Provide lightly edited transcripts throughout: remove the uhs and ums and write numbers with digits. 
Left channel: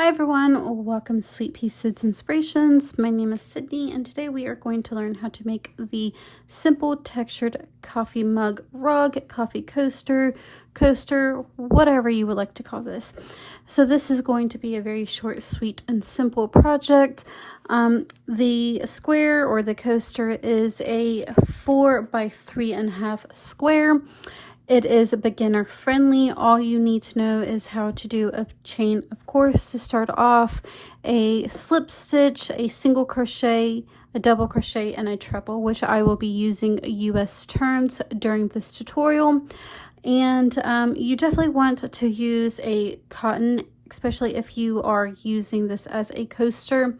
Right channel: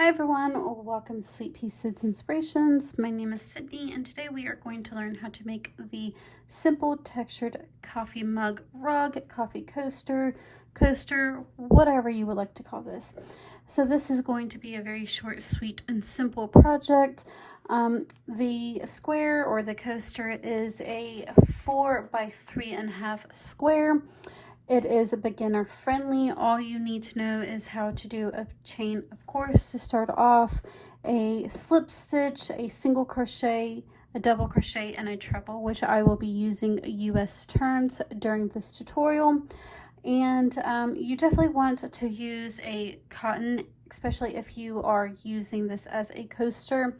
Hi everyone, welcome to Sweet Pea Seeds Inspirations. My name is Sydney and today we are going to learn how to make the simple textured coffee mug rug, coffee coaster, whatever you would like to call this. So this is going to be a very short, sweet, and simple project. The square or the coaster is a 4 by 3.5 square. It is beginner friendly. All you need to know is how to do a chain of course to start off, a slip stitch, a single crochet, a double crochet, and a treble, which I will be using US turns during this tutorial. And you definitely want to use a cotton, especially if you are using this as a coaster,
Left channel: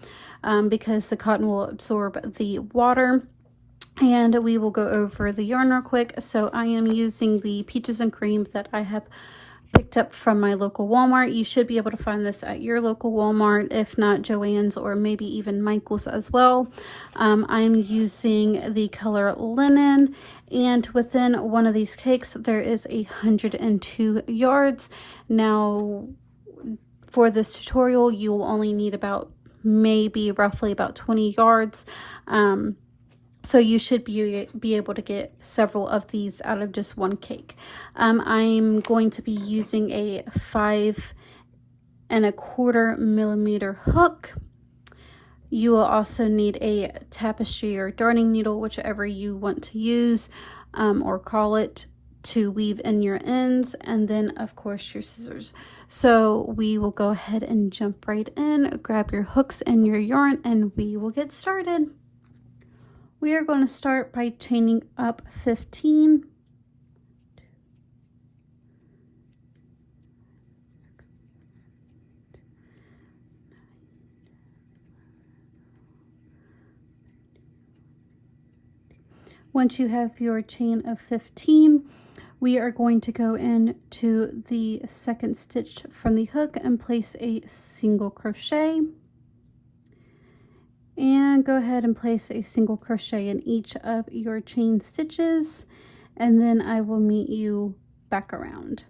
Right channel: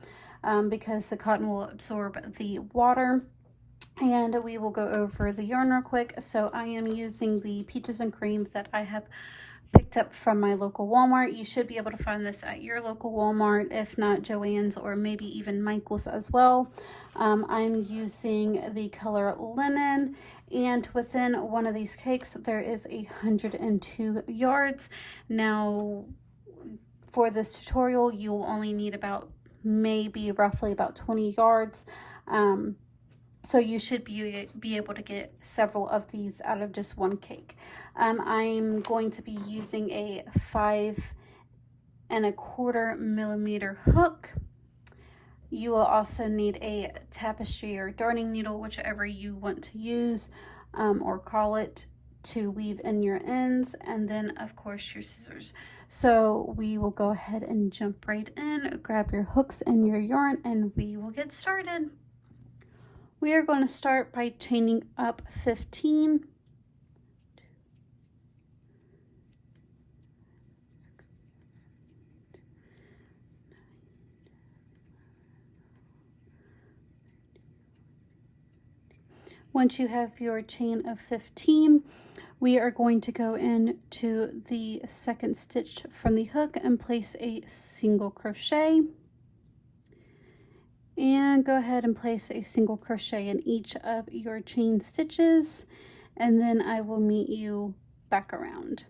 because the cotton will absorb the water. And we will go over the yarn real quick. So I am using the Peaches and Cream that I have picked up from my local Walmart. You should be able to find this at your local Walmart, if not Joann's or maybe even Michael's as well. I'm using the color Linen, and within one of these cakes there is 102 yards. Now for this tutorial you will only need about roughly about 20 yards. So you should be able to get several of these out of just one cake. I'm going to be using a 5¼ millimeter hook. You will also need a tapestry or darning needle, whichever you want to use, or call it, to weave in your ends, and then of course your scissors. So we will go ahead and jump right in, grab your hooks and your yarn, and we will get started. We are going to start by chaining up 15. Once you have your chain of 15, we are going to go into the second stitch from the hook and place a single crochet. And go ahead and place a single crochet in each of your chain stitches, and then I will meet you back around.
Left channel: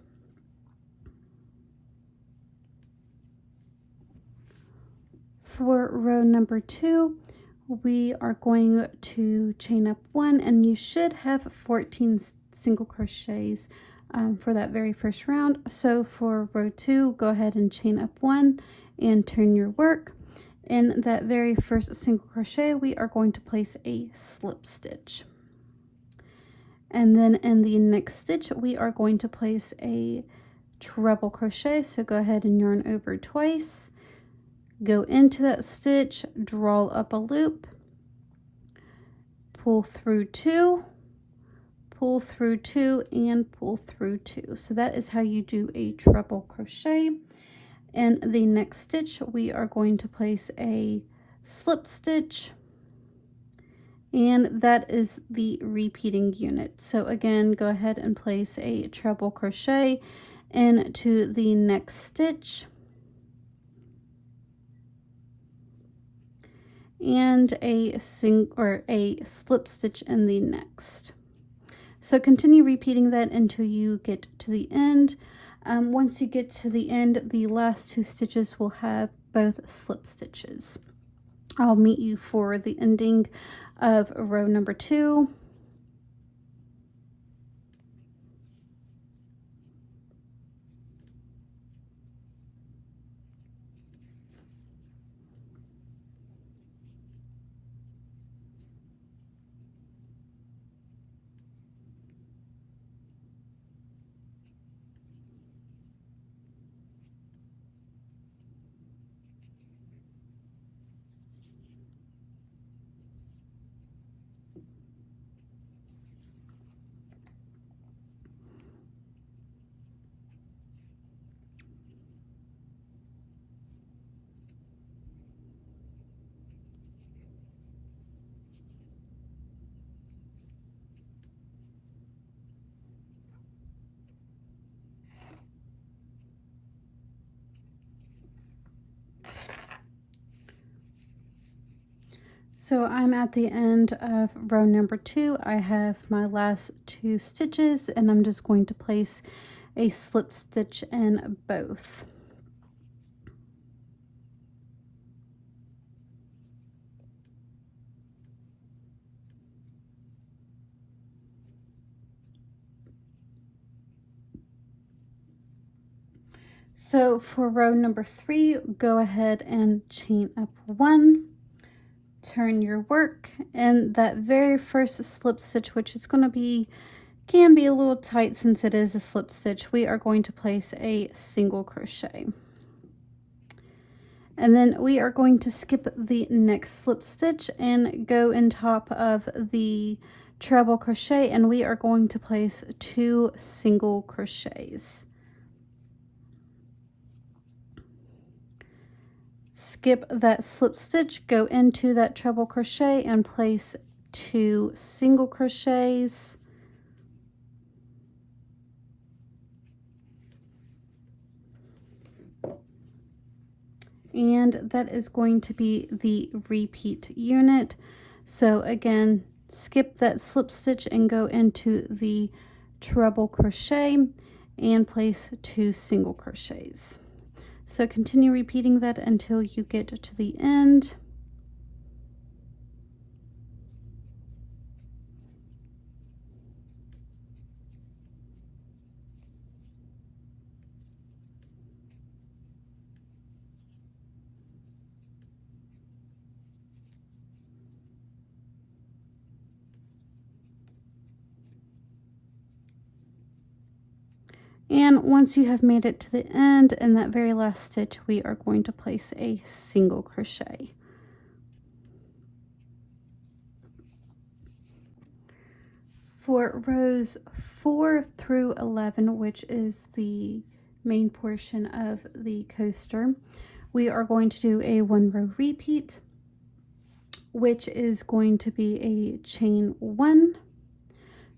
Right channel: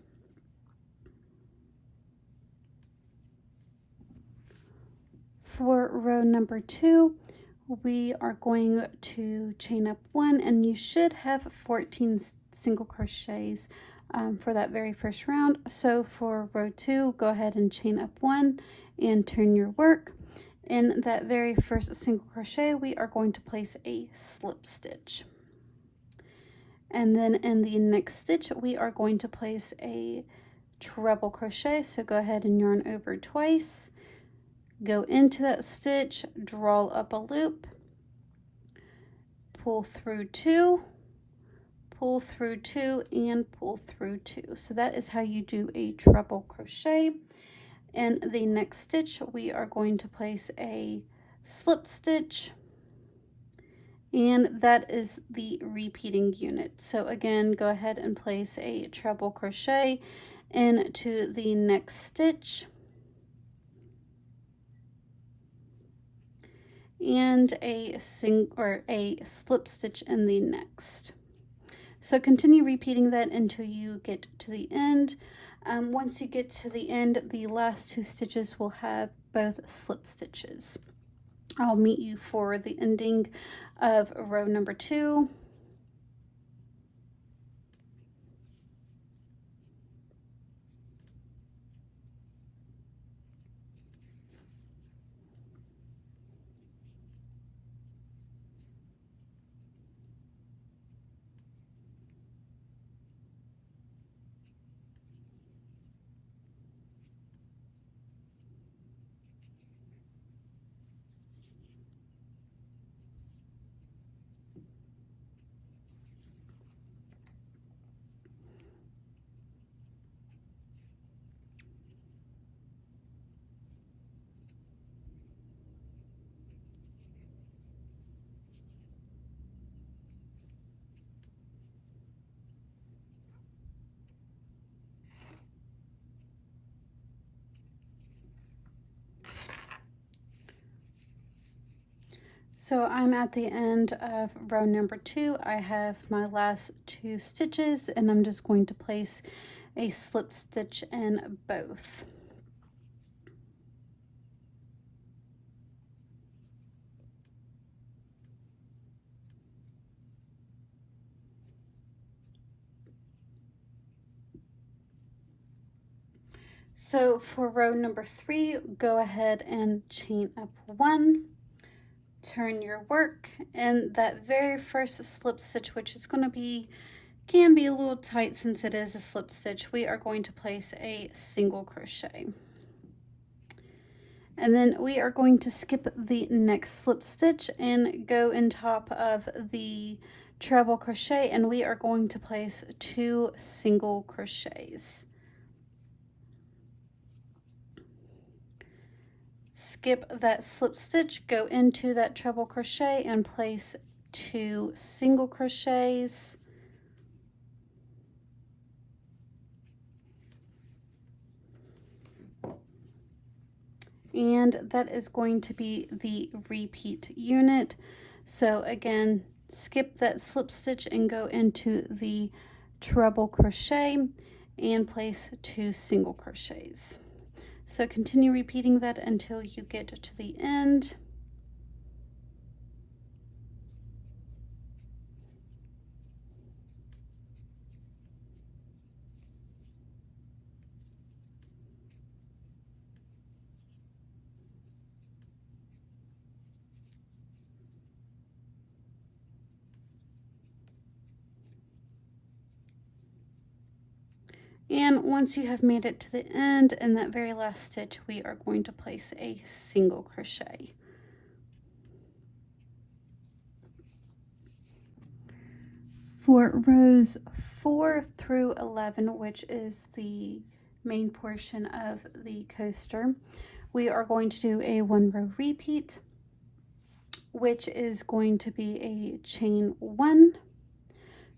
For row number 2, we are going to chain up 1, and you should have 14 single crochets for that very first round. So for row 2, go ahead and chain up 1 and turn your work. In that very first single crochet, we are going to place a slip stitch. And then in the next stitch, we are going to place a treble crochet. So go ahead and yarn over twice, go into that stitch, draw up a loop, pull through 2, pull through 2, and pull through 2. So that is how you do a treble crochet. In the next stitch, we are going to place a slip stitch, and that is the repeating unit. So again, go ahead and place a treble crochet into the next stitch, and a slip stitch in the next. So continue repeating that until you get to the end. Once you get to the end, the last 2 stitches will have both slip stitches. I'll meet you for the ending of row number 2. So I'm at the end of row number 2. I have my last 2 stitches, and I'm just going to place a slip stitch in both. So for row number 3, go ahead and chain up 1, turn your work, and that very first slip stitch, which is going to be, can be a little tight since it is a slip stitch, we are going to place a single crochet. And then we are going to skip the next slip stitch and go in top of the treble crochet, and we are going to place 2 single crochets. Skip that slip stitch, go into that treble crochet and place 2 single crochets. And that is going to be the repeat unit. So again, skip that slip stitch and go into the treble crochet and place 2 single crochets. So continue repeating that until you get to the end. And once you have made it to the end, in that very last stitch, we are going to place a single crochet. For rows 4 through 11, which is the main portion of the coaster, we are going to do a 1 row repeat, which is going to be a chain 1,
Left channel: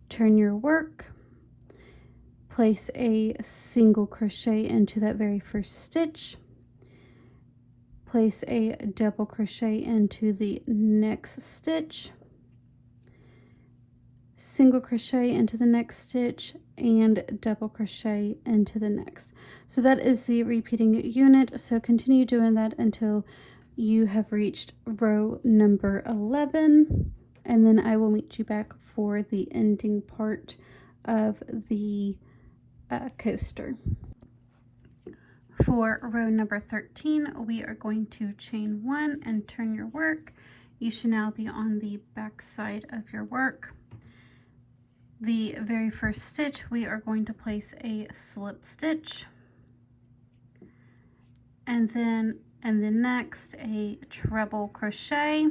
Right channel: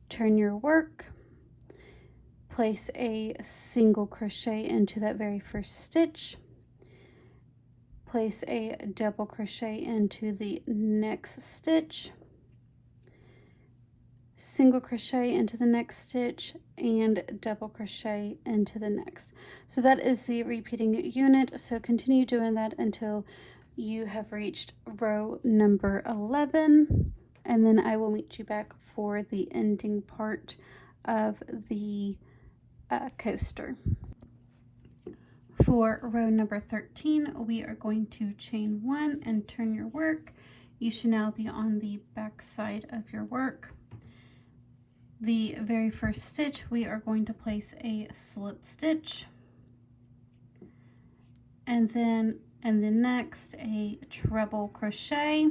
turn your work, place a single crochet into that very first stitch, place a double crochet into the next stitch, single crochet into the next stitch, and double crochet into the next. So that is the repeating unit. So continue doing that until you have reached row number 11, and then I will meet you back for the ending part of the coaster. For row number 13, we are going to chain 1 and turn your work. You should now be on the back side of your work. The very first stitch, we are going to place a slip stitch, and then in the next a treble crochet,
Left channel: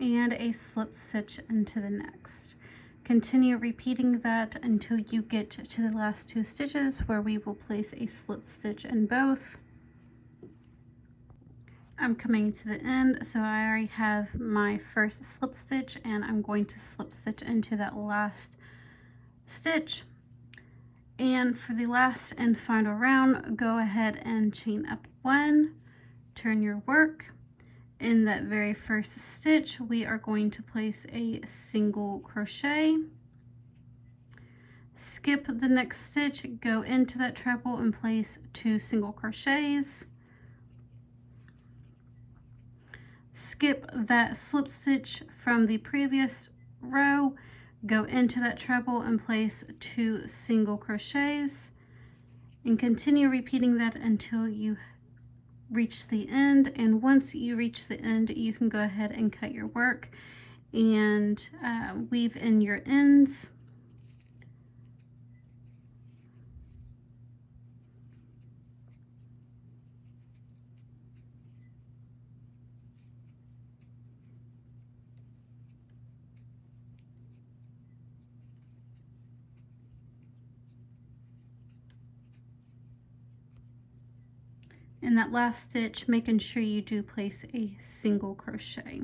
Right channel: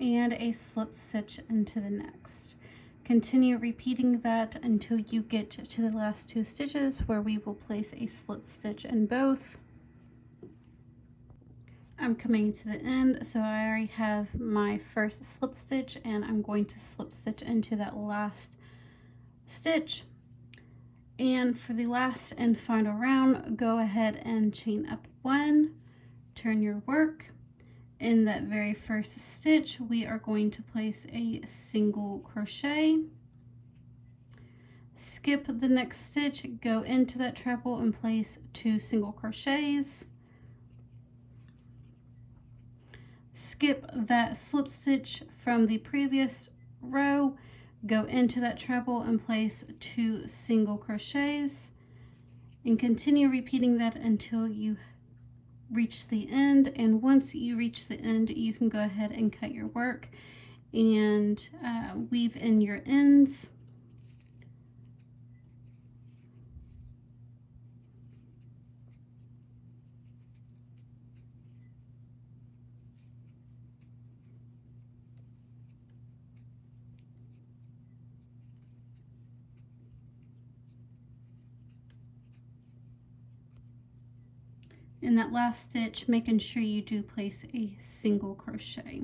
and a slip stitch into the next. Continue repeating that until you get to the last 2 stitches where we will place a slip stitch in both. I'm coming to the end, so I already have my first slip stitch, and I'm going to slip stitch into that last stitch. And for the last and final round, go ahead and chain up 1, turn your work. In that very first stitch, we are going to place a single crochet, skip the next stitch, go into that treble and place 2 single crochets, skip that slip stitch from the previous row, go into that treble and place 2 single crochets, and continue repeating that until you reach the end. And once you reach the end, you can go ahead and cut your work and weave in your ends. In that last stitch, making sure you do place a single crochet.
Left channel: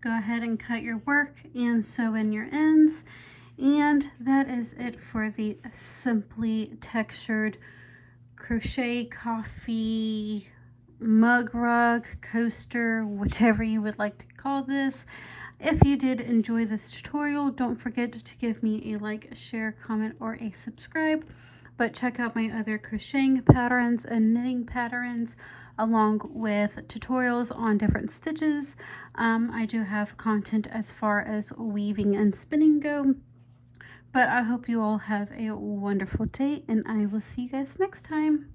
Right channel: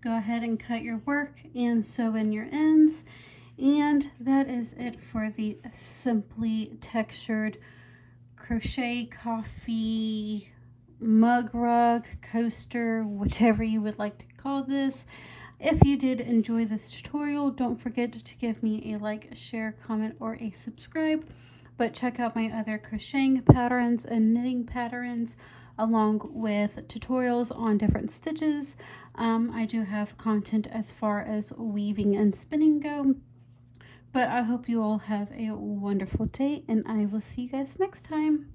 Go ahead and cut your work and sew in your ends. And that is it for the Simply Textured Crochet Coffee Mug Rug Coaster, whichever you would like to call this. If you did enjoy this tutorial, don't forget to give me a like, share, comment, or a subscribe. but check out my other crocheting patterns and knitting patterns along with tutorials on different stitches. I do have content as far as weaving and spinning go. But I hope you all have a wonderful day, and I will see you guys next time.